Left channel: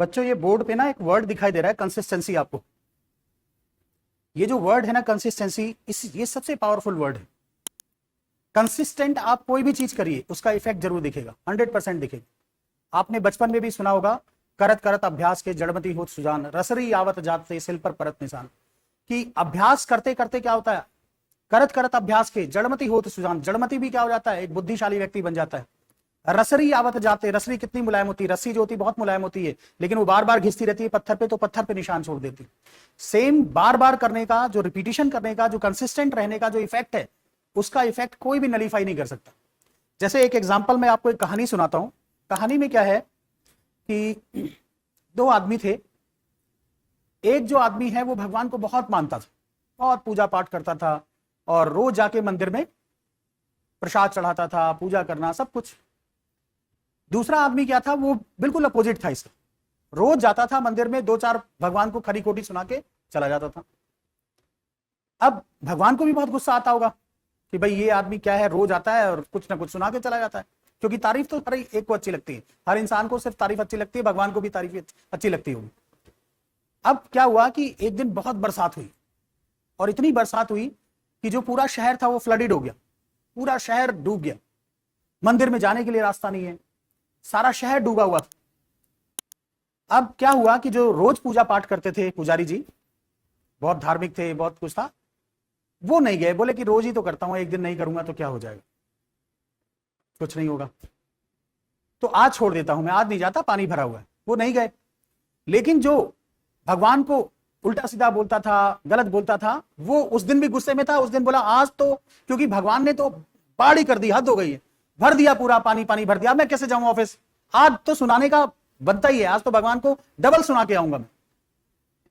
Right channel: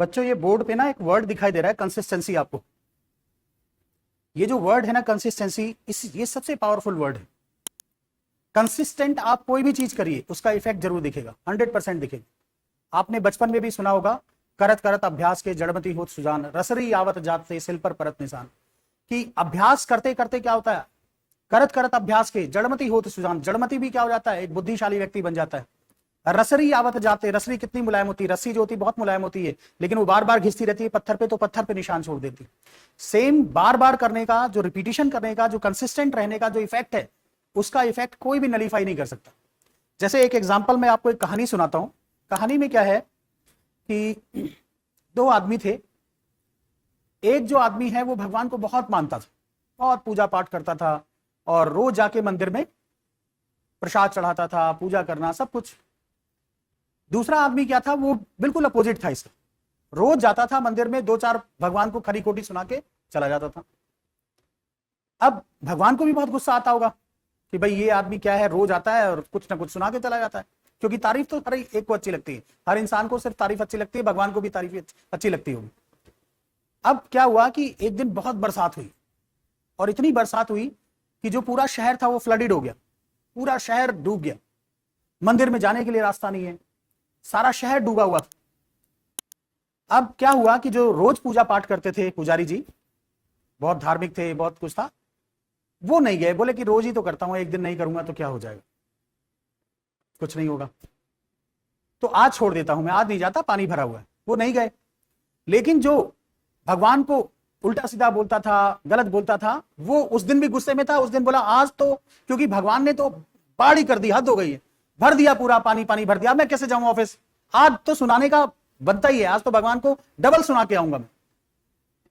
बच्चों ये बोर्ड पे ना एक वर्ड दिखाई दे रहा है कंसिस्टेंसी। आपको ये जो वर्ड है ना कंसिस्टेंसी, ये सबसे पावरफुल वर्ड है। कंसिस्टेंट आप कोई भी चीज करिए उसका इफेक्ट जरूर दिखेगा, 100% दिखेगा। आपने बचपन में भी सुना होगा, करत करत अभ्यास के जड़मति होत सुजान, रसरी आवत जाते सिल पर परत निशान। कि अभ्यास करते करते क्या होता है, करत करत अभ्यास के जड़मति होत सुजान, जड़मति भी क्या हो जाता है, एक बुद्धिशाली व्यक्ति बन जाता है। रसरी आवत जाते, रसरी कितनी मुलायम होती है, रस्सी जो होती है बहुत मुलायम होती है, लेकिन वो बार बार घिसती रहती है पत्थर पे, तो पत्थर पे निशान छोड़ देती है। सेम बार बार करने का जो रिपीटिशन करने का जो कंसिस्टेंट रहने का जो इफेक्ट है, उसका इफेक्ट कोई भी नलीफाई नहीं कर सकता। जैसे एक एग्जांपल मैं आपको एक कहानी सुनाता हूं। कहानी में क्या है कि दो आदमी थे। एक जो आदमी है वो भगवान को बहुत मानता था, बहुत पूजा पाठ करता था और रोज जाके मंदिर में प्रसाद चढ़ाता था, पूजा करना सब कुछ। दूसरा आदमी क्या था, वो बिल्कुल अपोजिट था इसका। रोज जाता था मंदिर में, दो चार भगवान को खरी खोटी सुना के चला जाता था। अब भगवान को भी बहुत गुस्सा आता होगा कि भाई ये आदमी क्या है, रोज आता है और कुछ ना कुछ सुना के चला जाता है। क्योंकि तारीफ तो हर एक को अच्छी लगती है, हर इंसान को सिर्फ तारीफ अच्छी लगती है, भगवान को भी तारीफ अच्छी लगती होगी। अब क्या हुआ कि एक दिन बहुत बरसात हुई, और इतनी बरसात हुई कि जो पूरा शहर था वो फ्लडेड हो गया, पूरा शहर डूब गया। मंदिर में जाने के लिए रास्ता नहीं है, सारा शहर डूबा हुआ था। अब क्या हुआ कि जो रोज पूजा पाठ करते थे पुजारी जी, बहुत धार्मिक थे, बहुत कुछ था, वो नहीं गए। बोले कि रोज ही तो करता हूं, एक दिन नहीं करूंगा तो क्या हो जाएगा, कुछ नहीं होगा, तो आज छोड़ देता हूं, मैं आज नहीं जाता, पानी भरा हुआ है। वो नहीं गए। लेकिन जो भगवान को उल्टा सीधा बोलता था, गलत बोलता था, वो उस दिन भी गुस्से में था। उस दिन बोला आज तो, क्योंकि भगवान ने तो बाढ़ ही कर दी, हद हो गई है, भर दिया पूरा, पानी पानी भर दिया, मैं कैसे जाऊं ऑफिस, आज तो सुनाने का बनता ही है, आज तो भगवान को डबल सुना के आऊंगा मैं।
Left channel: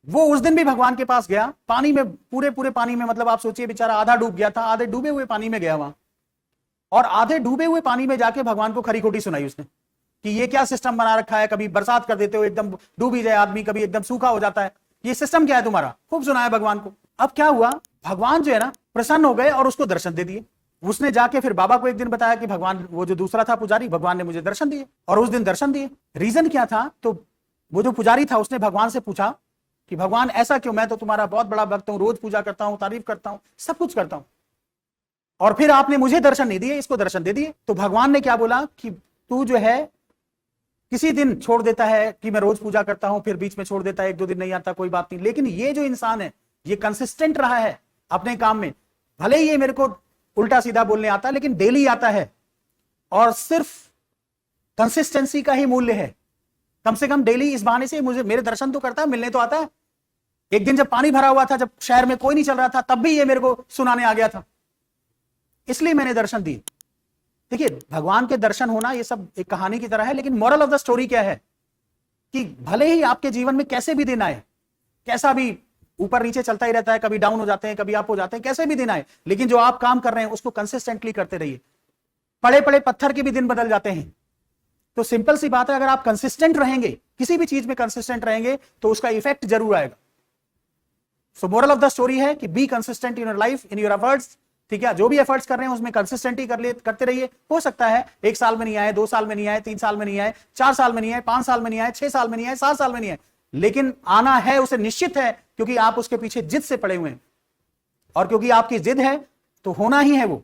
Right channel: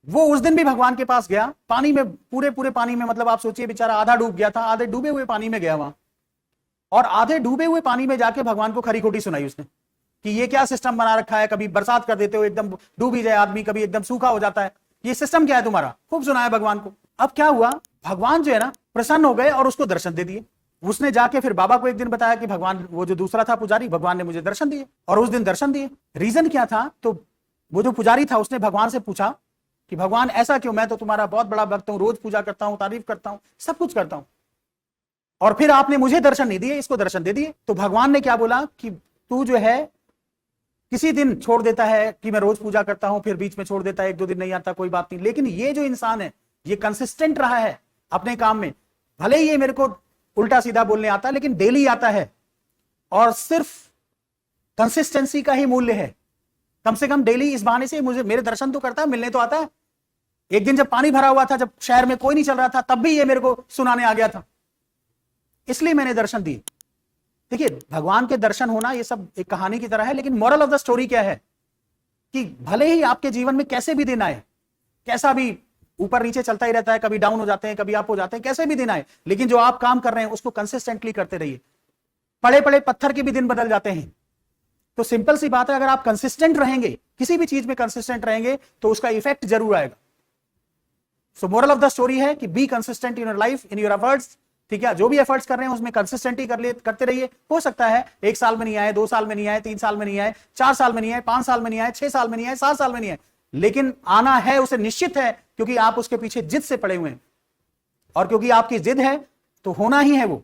वो उस दिन भी भगवान के पास गया, पानी में, पूरे पूरे पानी में, मतलब आप सोचिए बेचारा आधा डूब गया था, आधे डूबे हुए पानी में गया वहां, और आधे डूबे हुए पानी में जाके भगवान को खरी खोटी सुनाई उसने कि ये क्या सिस्टम बना रखा है, कभी बरसात कर देते हो एकदम डूब ही जाए आदमी, कभी एकदम सूखा हो जाता है, ये सिस्टम क्या है तुम्हारा। खूब सुनाया भगवान को। अब क्या हुआ, भगवान जो है ना प्रसन्न हो गए और उसको दर्शन दे दिए। उसने जाके फिर बाबा को एक दिन बताया कि भगवान, वो जो दूसरा था पुजारी, भगवान ने मुझे दर्शन दिए, और उस दिन दर्शन दिए। रीजन क्या था, तो वो जो पुजारी था उसने भगवान से पूछा कि भगवान ऐसा क्यों, मैं तो तुम्हारा बहुत बड़ा भक्त हूं, रोज पूजा करता हूं, तारीफ करता हूं, सब कुछ करता हूं, और फिर आपने मुझे दर्शन नहीं दिए, इसको दर्शन दे दिए। तो भगवान ने क्या बोला कि तू जो है किसी दिन छोड़ देता है कि मैं रोज पूजा करता हूं, फिर बीच में छोड़ देता है, एक दो दिन नहीं आता, कोई बात नहीं, लेकिन ये जो इंसान है ये कंसिस्टेंट रहा है अपने काम में। भले ही ये मेरे को उल्टा सीधा बोलने आता है, लेकिन डेली आता है, और सिर्फ कंसिस्टेंसी का ही मूल्य है। कम से कम डेली इस बहाने से मुझे, मेरे दर्शन तो करता है, मिलने तो आता है। एक दिन जब पानी भरा हुआ था, जब शहर में कोई नहीं चल रहा था, तब भी ये मेरे को सुनाने आ गया था, इसलिए मैंने दर्शन दी। देखिए भगवान के दर्शन होना ये सब एक कहानी की तरह है, लेकिन मोरल ऑफ द स्टोरी क्या है कि भले ही आपके जीवन में कैसे भी दिन आए, कैसा भी ऊपर नीचे चलता ही रहता है, कभी डाउन हो जाते हैं, कभी अप हो जाते हैं, कैसे भी दिन आए, लेकिन जो आप काम कर रहे हैं उसको कंसिस्टेंटली करते रहिए। पड़े पड़े पत्थर के भी दिन बदल जाते हैं। तो सिंपल सी बात है, अगर आप कंसिस्टेंट रहेंगे, किसी भी चीज में कंसिस्टेंट रहेंगे, तो उसका इफेक्ट जरूर आएगा। सो मोरल ऑफ द स्टोरी है कि be consistent in your life, in your efforts. ठीक है, जो भी एफर्ट्स कर रहे हैं उसमें कंसिस्टेंटली करते रहिए। हो सकता है 1 साल में नहीं आए, 2 साल में नहीं आए, 3 साल में नहीं आए, 4 साल में नहीं आए, 5 साल में नहीं आए, 6 साल में नहीं आए, 7 साल में नहीं आए, लेकिन आना है, उसे निश्चित है, क्योंकि आप उसके पीछे जिद से पड़े हुए हैं, और क्योंकि आपकी जिद है तो होना ही है वो।